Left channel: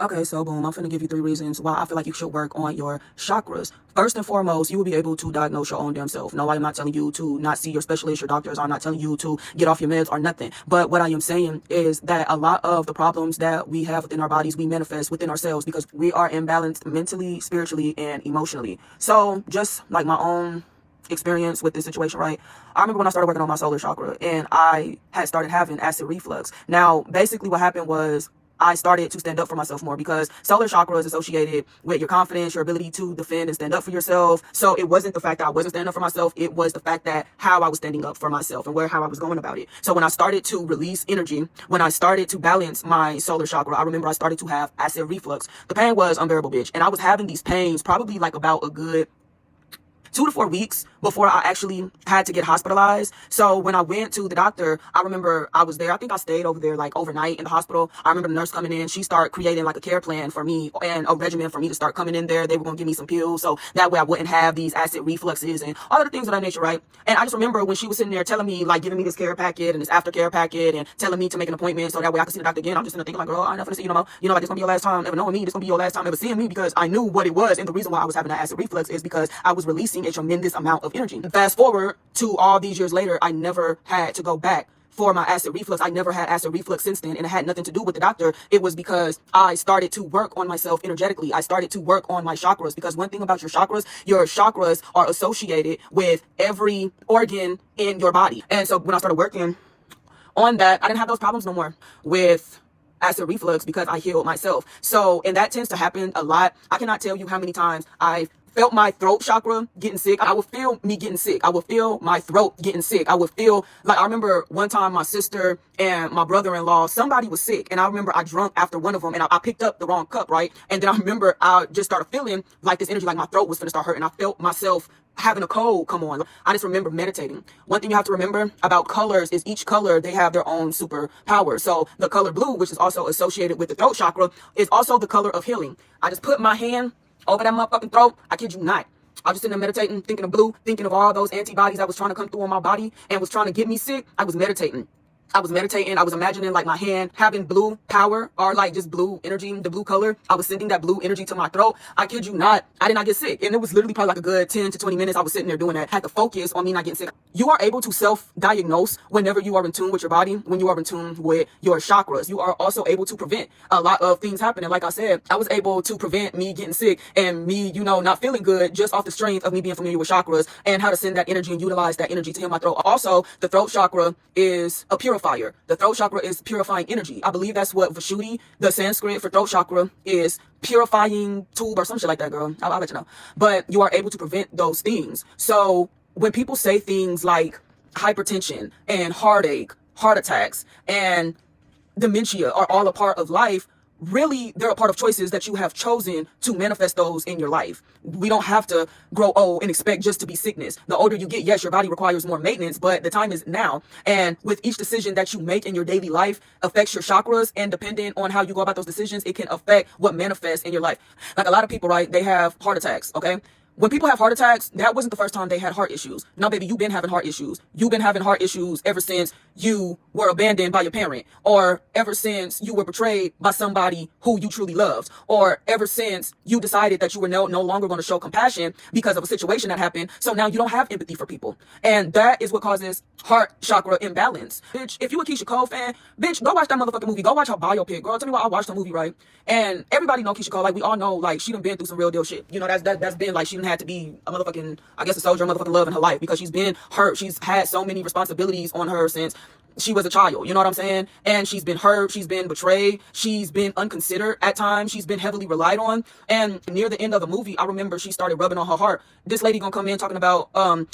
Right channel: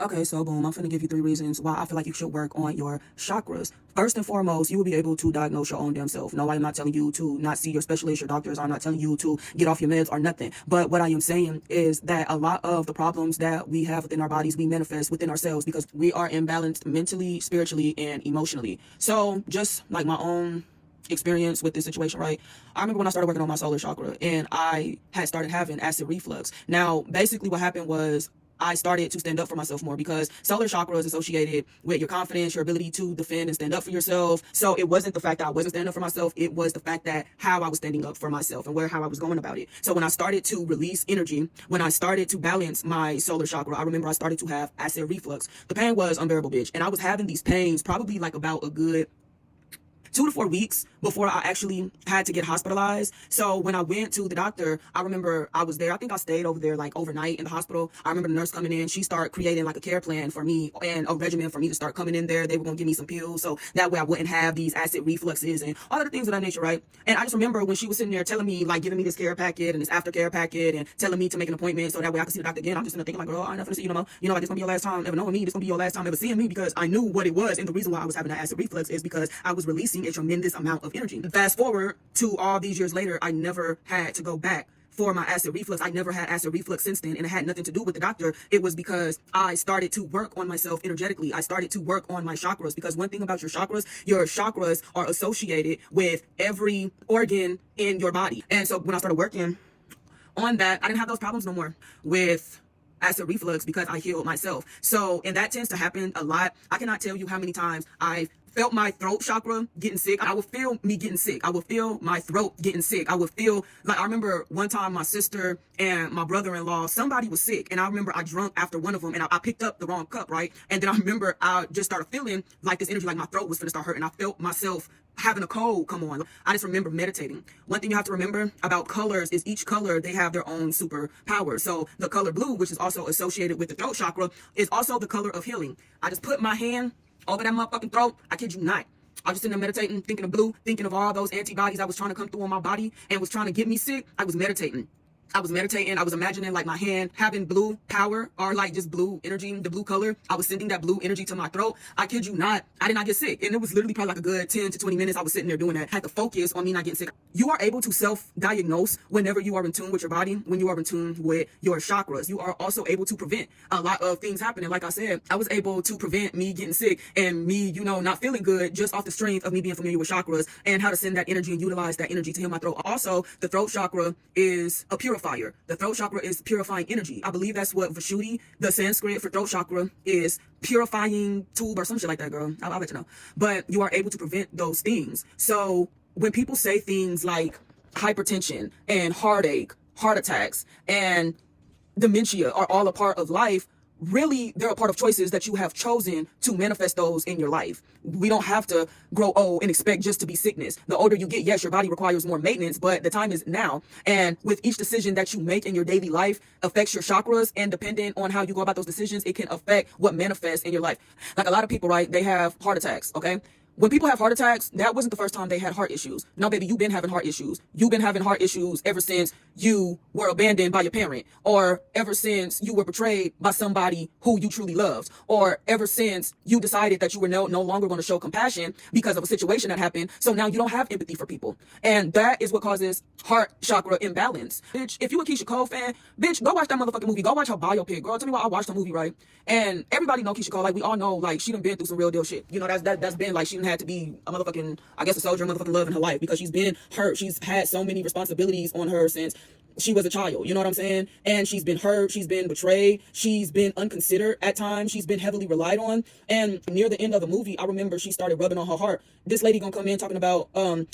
Okay, so boom, I'm finna give you 3 reasons why I feel like you should work on your chakras. First and foremost, you will be able to diagnose your own damn self. No, I'm not telling you to not see your specialist, your doctors. I'm not telling you to get off your meds or nothing. But what I am saying is that a lot of the problems that we have within our bodies, we manifest within ourselves because we are imbalanced mentally, spiritually, and emotionally. So just like my own experience with this situation, right? I remember when I started working on my solar chakra and I had started having acid reflux. Now, basically what happened was I started to stand up for myself more because solar chakra is associated with your confidence, your ability to defend and stand up for yourself. So it wasn't the fact that I wasn't standing up for myself. It was the fact that how I was standing up for myself and how I was going about it. So when I started to release energy, when I started to balance my solar chakra, I remember I started to have acid reflux. The pain was unbearable, bitch. And I was having these pains probably like about a good 2 to 4 weeks before I actually had to get hospitalized. So when I went to the doctor, I remember I was there. I think I stayed over there like overnight in the hospital. I remember the nurse coming in. She started creating like a care plan for me and a regimen for me to start coming in there. They were going to give me some pills so that way I wouldn't have these acid refluxes and all of the things of that nature, right? And I just remember when she was sitting there telling me, like giving me this care packet and this aftercare packet and telling me to make an appointment so that way I could see the doctor again. I'm just gonna think like, girl, I ain't nothing to see you no more. You know, like it's gonna be your last time ever knowing me. This gonna be your last time ever seeing me because I knew what it was. And the reason why I was having that acid reflux is because I was releasing a tremendous amount of energy. Fast forward to all these years later, I never had to go back for my acid reflux. I never had acid reflux since then, and it had nothing to do with the doctor. It was because I started to work on myself energetically. I started to work on my chakras because one thing about your chakras are associated with every organ in your body. And so when I started working on that, I didn't have those problems no more with acid reflux because I healed myself. So, and that tends to happen a lot. I cannot tell you how many times I felt my throat chakra getting sick. I would feel me getting sick. I would feel my throat getting sick. I would feel like, I remember one time my sister and my brother-in-law, somebody was sick. And I remember I drunk after one of them and I picked up the wrong cup, right? And then I remember I just started feeling like this energy, like my throat was going to start hurting. I felt myself having a cold come on. I just remember meditating. One thing you have to remember about colors is each color, they have their own superpower. So the color blue, which is also associated with the throat chakra, is also the color of healing. I just put my hand over that motherfucking throat. I kid you not. I was just sitting there meditating, thinking of blue, thinking of all those antibodies that was trying to come through on my body and was trying to get me sick. I was meditating. I was imagining like my hand having blue power or like just blue energy, the blue color. I was sending that blue energy to my throat. I kid you not. I did not get sick. And it was literally probably like a good 10 to 20 minutes. I was sitting there doing that. I had to focus on me not getting sick. You are able to self-diagnose whenever you are in tune with your body, when you are in tune with your chakras. You are also able to prevent a lot of things happening. Like I said, I was able to prevent me getting sick and me, not feeling good just off the strength of me being familiar with chakras and how to send that energy and utilize that energy to heal my throat. Also, the throat chakra is a purifier. The throat chakra is purifying energy. I believe that's what Vishuddhi, the Sanskrit for throat chakra, is purifying tube or some shit like that, girl. I'll let you know. But you are able to prevent those things. So when people say things like hypertension and heartache, heart attacks, and dementia are all a part of life, really, they're a part of choices that you have chosen to manifest those in your life. We don't have to grow old and expect just to be sickness. The older you get, yes, your body requires more maintenance, but the time is now. And with each decision that you make in your daily life affects your chakras, and depending on how you go about those decisions, it can affect what manifests in your life. Like a lot of people, right, they have heart attacks, okay? When people have heart attacks, that wasn't the first time they had heart issues. No, baby, you've been having heart issues. You've been having heart issues ever since you were abandoned by your parent, or ever since you were betrayed by somebody who you truly loved, or ever since you decided that you were no longer going to show compassion because of a situation that happened. So now you don't have empathy for people. And that is what causes heart chakra imbalance. Bitch, if you a Keisha Cole fan, bitch, go watch that motherfucking movie. Go watch her biopic. Girl, tell me why I watched the movie, right? And everybody know Keisha Cole. Like, we all know, like, she done been through some real deal shit. That's been, like, she done had to be a motherfucking, I guess, a soldier of motherfucking love in her life because she's been hurt. She's had so many responsibilities on her since she was a child, you know what I'm saying? And she's been hurt, she's been betrayed, she's been unconsidered at times, she's been heavily relied on. And near the end of the movie, I remember she started rubbing on her heart. This lady gonna come in talking about,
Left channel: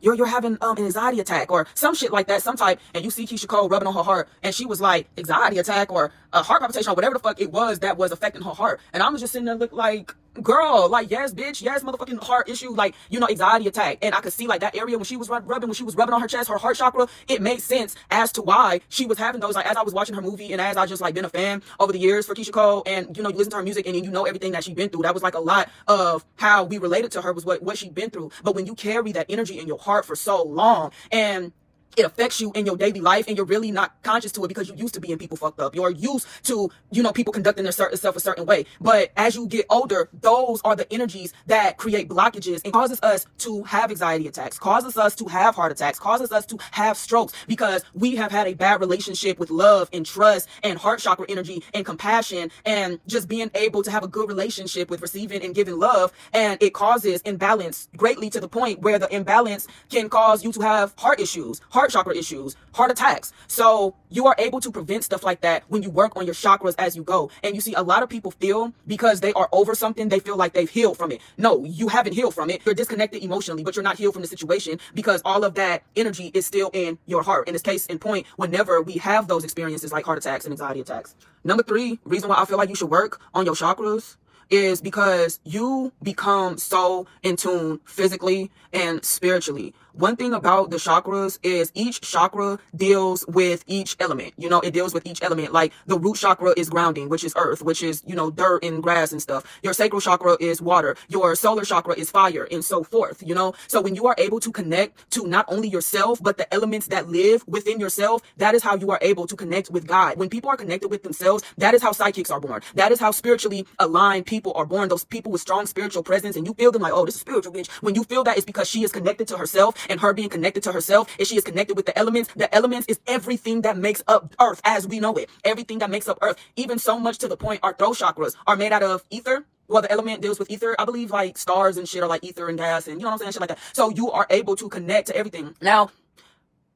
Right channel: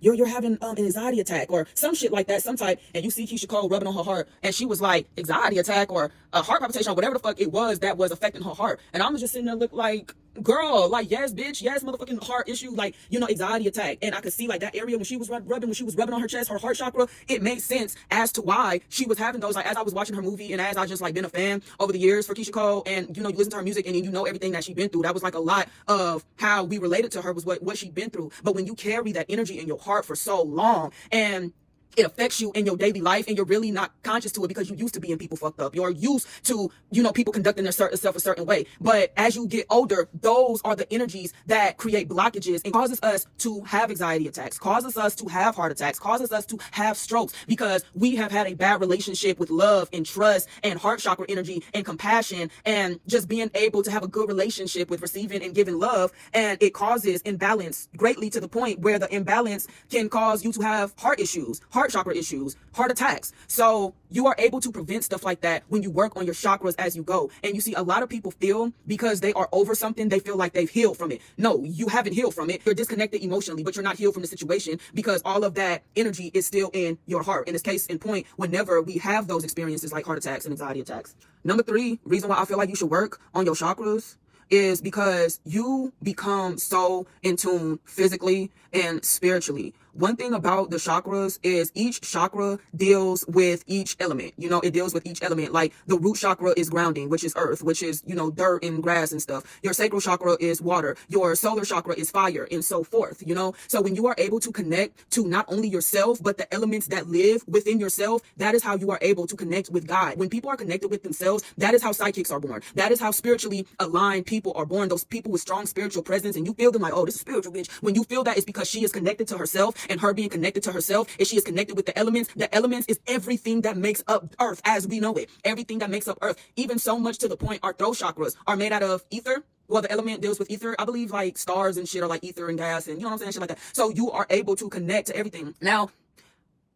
you're having an anxiety attack or some shit like that, some type. And you see Keisha Cole rubbing on her heart, and she was like, anxiety attack or a heart palpitation or whatever the fuck it was that was affecting her heart. And I was just sitting there look like, girl, like, yes, bitch, yes, motherfucking heart issue, like, anxiety attack. And I could see like that area when she was rubbing on her chest, her heart chakra, it made sense as to why she was having those. Like, as I was watching her movie and as I just like been a fan over the years for Keisha Cole, and you listen to her music and you know everything that she's been through, that was like a lot of how we related to her was what she'd been through. But when you carry that energy in your heart for so long, and it affects you in your daily life, and you're really not conscious to it because you used to being people fucked up. You're used to, people conducting themselves a certain way. But as you get older, those are the energies that create blockages and causes us to have anxiety attacks, causes us to have heart attacks, causes us to have strokes, because we have had a bad relationship with love and trust and heart chakra energy and compassion and just being able to have a good relationship with receiving and giving love. And it causes imbalance greatly, to the point where the imbalance can cause you to have heart issues, heart chakra issues, heart attacks. So you are able to prevent stuff like that when you work on your chakras as you go. And you see, a lot of people feel because they are over something, they feel like they've healed from it. No, you haven't healed from it. You're disconnected emotionally, but you're not healed from the situation, because all of that energy is still in your heart. In this case in point, whenever we have those experiences like heart attacks and anxiety attacks. Number 3, reason why I feel like you should work on your chakras is because you become so in tune physically and spiritually. One thing about the chakras is each chakra deals with each element. It deals with each element. Like the root chakra is grounding, which is earth, which is, dirt and grass and stuff. Your sacral chakra is water. Your solar chakra is fire, and so forth, So when you are able to connect to not only yourself, but the elements that live within yourself, that is how you are able to connect with God. When people are connected with themselves, that is how psychics are born. That is how spiritually aligned people are born. Those people with strong spiritual presence, and you feel them like, oh, this is spiritual, bitch. When you feel that, it's because she is connected to herself, and her being connected to herself is she is connected with the elements. The elements is everything that makes up earth as we know it. Everything that makes up earth, even so much to the point our throat chakras are made out of ether. Well, the element deals with ether. I believe like stars and shit are like ether and gas, and you know what I'm saying, shit like that. So you are able to connect to everything. Now,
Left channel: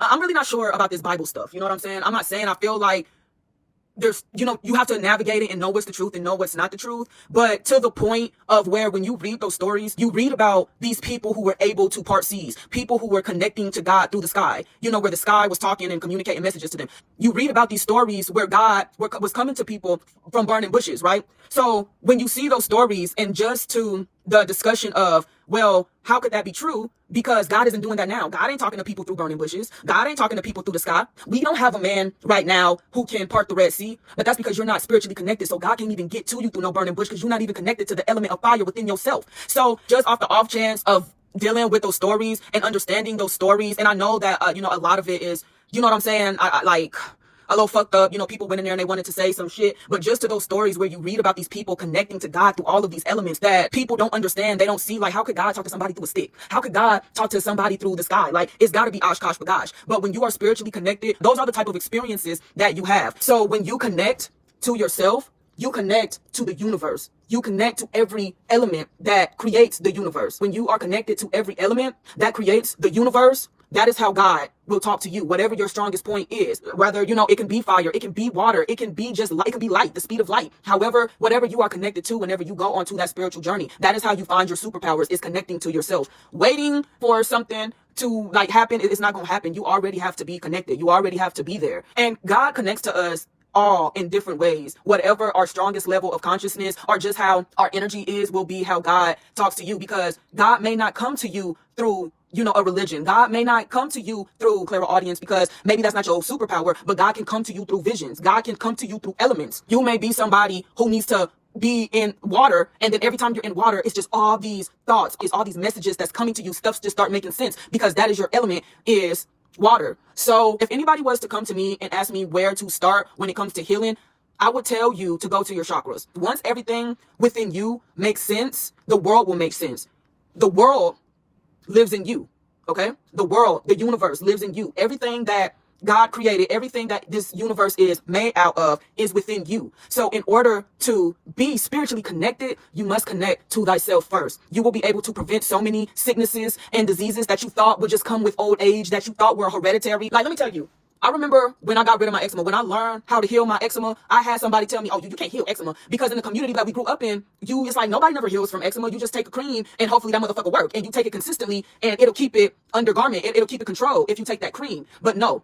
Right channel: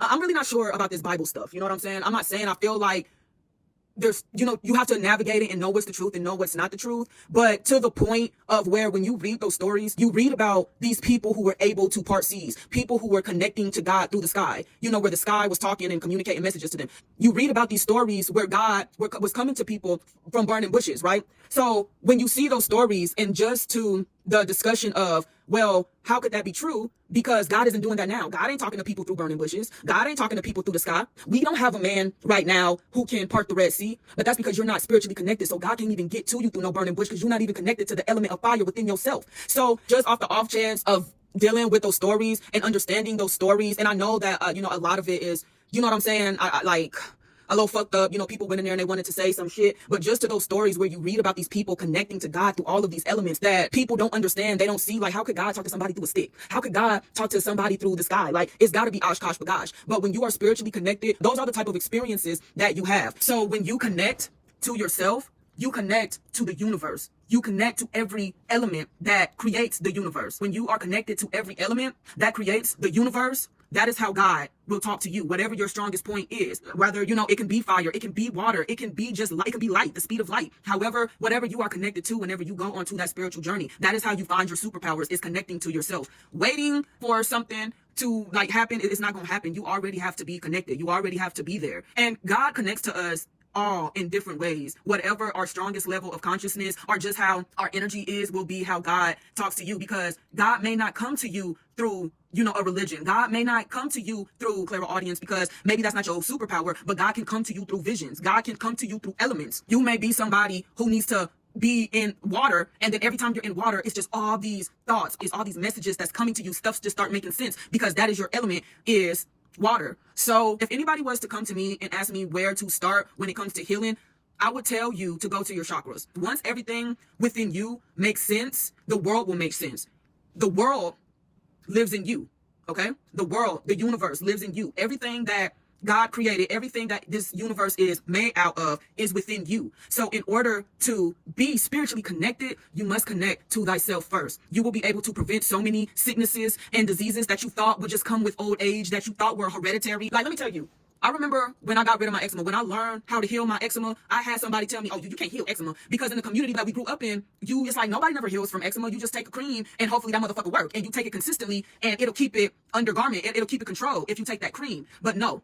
I'm really not sure about this Bible stuff. You know what I'm saying? I'm not saying I feel like there's, you have to navigate it and know what's the truth and know what's not the truth. But to the point of where when you read those stories, you read about these people who were able to part seas, people who were connecting to God through the sky, where the sky was talking and communicating messages to them. You read about these stories where God was coming to people from burning bushes, right? So when you see those stories, and just to the discussion of, well, how could that be true? Because God isn't doing that now. God ain't talking to people through burning bushes. God ain't talking to people through the sky. We don't have a man right now who can part the Red Sea, but that's because you're not spiritually connected. So God can't even get to you through no burning bush, because you're not even connected to the element of fire within yourself. So just off the off chance of dealing with those stories and understanding those stories, and I know that, a lot of it is, you know what I'm saying? I like a little fucked up, people went in there and they wanted to say some shit, but just to those stories where you read about these people connecting to God through all of these elements that people don't understand. They don't see, like, how could God talk to somebody through a stick? How could God talk to somebody through the sky? Like, it's got to be Oshkosh Bagosh. But when you are spiritually connected, those are the type of experiences that you have. So when you connect to yourself, you connect to the universe. You connect to every element that creates the universe. When you are connected to every element that creates the universe, that is how God will talk to you, whatever your strongest point is. Whether, it can be fire, it can be water, it can be just light, it can be light, the speed of light. However, whatever you are connected to, whenever you go onto that spiritual journey, that is how you find your superpowers, is connecting to yourself. Waiting for something to happen, it's not going to happen. You already have to be connected. You already have to be there. And God connects to us all in different ways. Whatever our strongest level of consciousness, or just how our energy is, will be how God talks to you, because God may not come to you through a religion. God may not come to you through clairaudience, because maybe that's not your superpower, but God can come to you through visions. God can come to you through elements. You may be somebody who needs to be in water, and then every time you're in water, it's just all these thoughts, it's all these messages that's coming to you. Stuff just start making sense, because that is your element, is water. So if anybody was to come to me and ask me where to start when it comes to healing, I would tell you to go to your chakras. Once everything within you makes sense, the world will make sense. The world lives in you, okay? The world, the universe lives in you. Everything that God created, everything that this universe is made out of, is within you. So in order to be spiritually connected, you must connect to thyself first. You will be able to prevent so many sicknesses and diseases that you thought would just come with old age, that you thought were hereditary. Like, let me tell you, I remember when I got rid of my eczema, when I learned how to heal my eczema, I had somebody tell me, oh, you can't heal eczema, because in the community that we grew up in, it's like nobody never heals from eczema. You just take a cream and hopefully that motherfucker work, and you take it consistently and it'll keep it under garment. It'll keep it controlled if you take that cream. But no,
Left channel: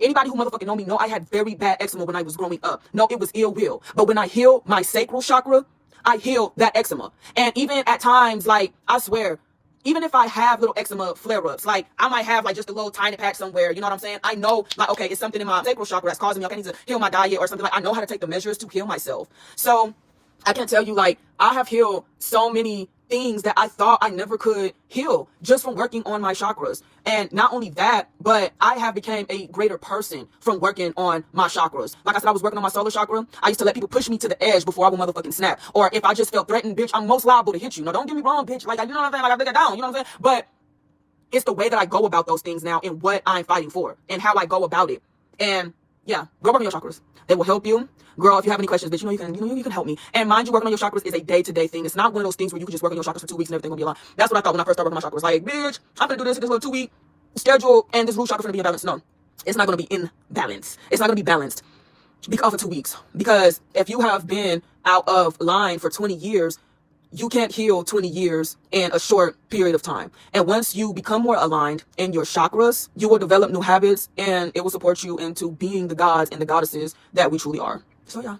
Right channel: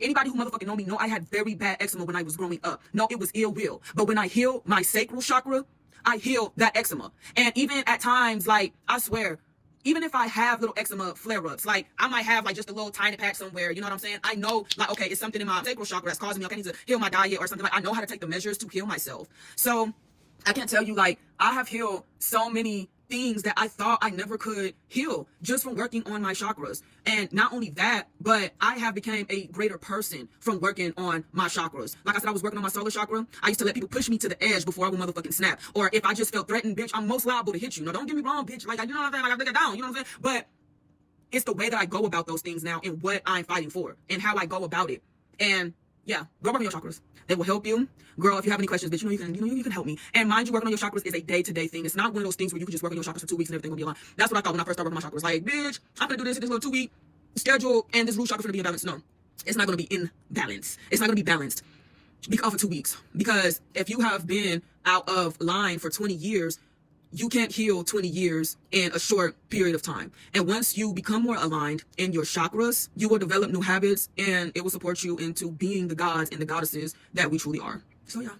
anybody who motherfucking know me know I had very bad eczema when I was growing up. No, it was ill will. But when I healed my sacral chakra, I healed that eczema. And even at times, like, I swear, even if I have little eczema flare-ups, like, I might have, like, just a little tiny patch somewhere, you know what I'm saying? I know, like, okay, it's something in my sacral chakra that's causing me, okay, I need to heal my diet or something. Like, I know how to take the measures to heal myself. So I can't tell you, like, I have healed so many things that I thought I never could heal just from working on my chakras. And not only that, but I have become a greater person from working on my chakras. Like I said, I was working on my solar chakra. I used to let people push me to the edge before I would motherfucking snap. Or if I just felt threatened, bitch, I'm most liable to hit you. Now, don't get me wrong, bitch. Like, you know what I'm saying? Like, I think I down, you know what I'm saying? But it's the way that I go about those things now and what I'm fighting for and how I go about it. And yeah, go work on your chakras. They will help you. Girl, if you have any questions, bitch, you can help me. And mind you, working on your chakras is a day-to-day thing. It's not one of those things where you can just work on your chakras for 2 weeks and everything will be aligned. That's what I thought when I first started working on my chakras. Like, bitch, I'm gonna do this little 2-week schedule and this root chakra gonna be in balance. No, it's not gonna be in balance. It's not gonna be balanced because for 2 weeks. Because if you have been out of line for 20 years, you can't heal 20 years in a short period of time. And once you become more aligned in your chakras, you will develop new habits and it will support you into being the gods and the goddesses that we truly are. So yeah.